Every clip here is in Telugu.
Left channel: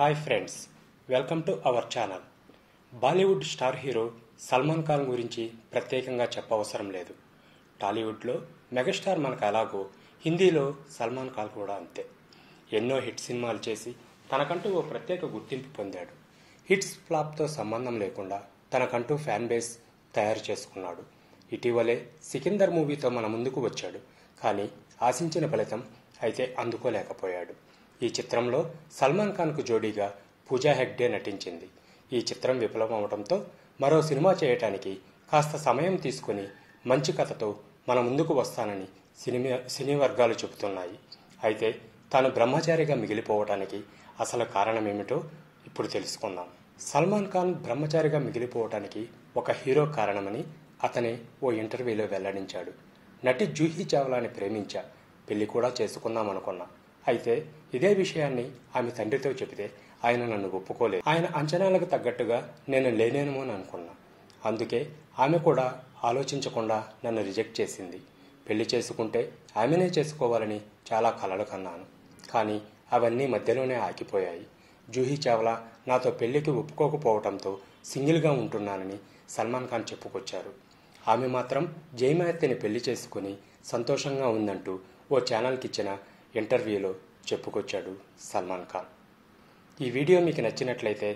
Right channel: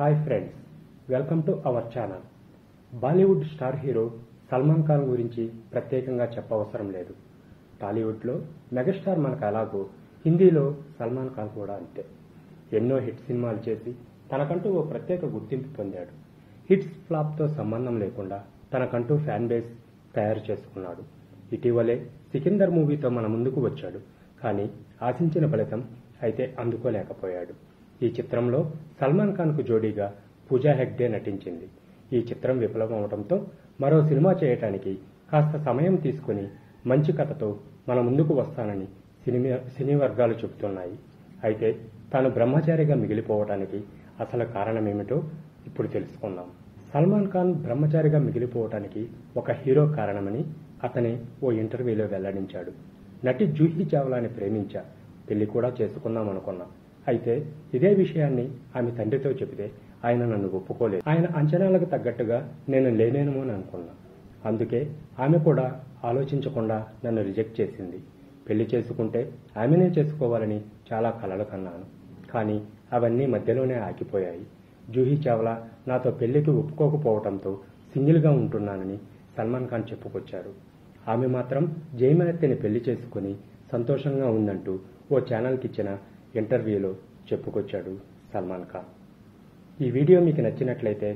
Hi friends, welcome to our channel. Bollywood star hero Salman Khan గురించి ప్రత్యేకంగా చెప్పవసరం లేదు. టాలీవుడ్లో మెగాస్టార్ మనకు ఎలాగో హిందీలో సల్మాన్ ఖాన్ కూడా అంతే. ఎన్నో హిట్ సినిమాలు చేసి తనకంటూ ఓ ప్రత్యేక గుర్తింపు పొందాడు. హిట్స్ ఫ్లాప్తో సంబంధం లేకుండా తనకంటూ ఫ్యాన్ బేస్ తయారు చేసుకున్నాడు. ఇటీవలే సికిందర్ మూవీతో మన ముందుకు వచ్చాడు. కానీ ఆశించిన ఫలితం అయితే అందుకోలేకపోయాడు. ఈ చిత్రంలో సల్మాన్ ఖాన్కు జోడీగా పూజా హెగ్డే నటించింది. ఈ చిత్రం విఫలమవడంతో మరో సినిమా చేయటానికి కాస్త సమయం తీసుకుని మంచి కథతో మన ముందుకు వస్తానని సినీ వర్గాలు చెబుతున్నాయి. అయితే తాను బ్రహ్మచారిగా మిగిలిపోవటానికి అసలు కారణమేమిటో ఇప్పుడు తెలుసుకుందాం. సల్మాన్ ఖాన్ బ్రహ్మచారిగా మిగిలిపోవటానికి ఒక హీరో కారణమని అతనే ఓ ఇంటర్వ్యూలో వెల్లడించాడు. నటి జూహీ చావ్లాని ప్రేమించా, పెళ్లి కూడా చేసుకుందాం అనుకున్నా. అయితే ఇదే విషయాన్ని ఆమె తండ్రితో చెబితే ఆయన నన్ను ఒప్పుకోలేదు. ఆయన అంచనాలకు తగ్గట్టుగా నేను లేనేమో అని అనుకున్నా. అందుకే ఆమె కూడా ఆలోచించకుండా నన్ను రిజెక్ట్ చేసింది. పెళ్లి చేసుకుంటే ఆమెనే చేసుకోవాలని చాలా కలలు కన్నాను. కానీ అవన్నీ మధ్యలోనే ఆగిపోయాయి. జూహీ చావ్లా నాతో పెళ్లికి ఒప్పుకోకపోవడంతో సింగిల్గా ఉంటున్నానని సల్మాన్ ఖాన్ చెప్పుకొచ్చారు. ఆమె మాత్రం జయమార్తిని పెళ్లి చేసుకుని సంతోషంగా ఉందంటూ ఓ ఛానల్కి ఇచ్చిన ఇంటర్వ్యూలో చెప్పుకొచ్చాడు సల్మాన్ ఖాన్. ఈ వీడియో మీకు నచ్చినట్లయితే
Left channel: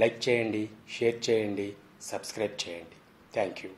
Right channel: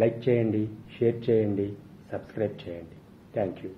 లైక్ చేయండి, షేర్ చేయండి, సబ్స్క్రైబ్ చేయండి. Thank you.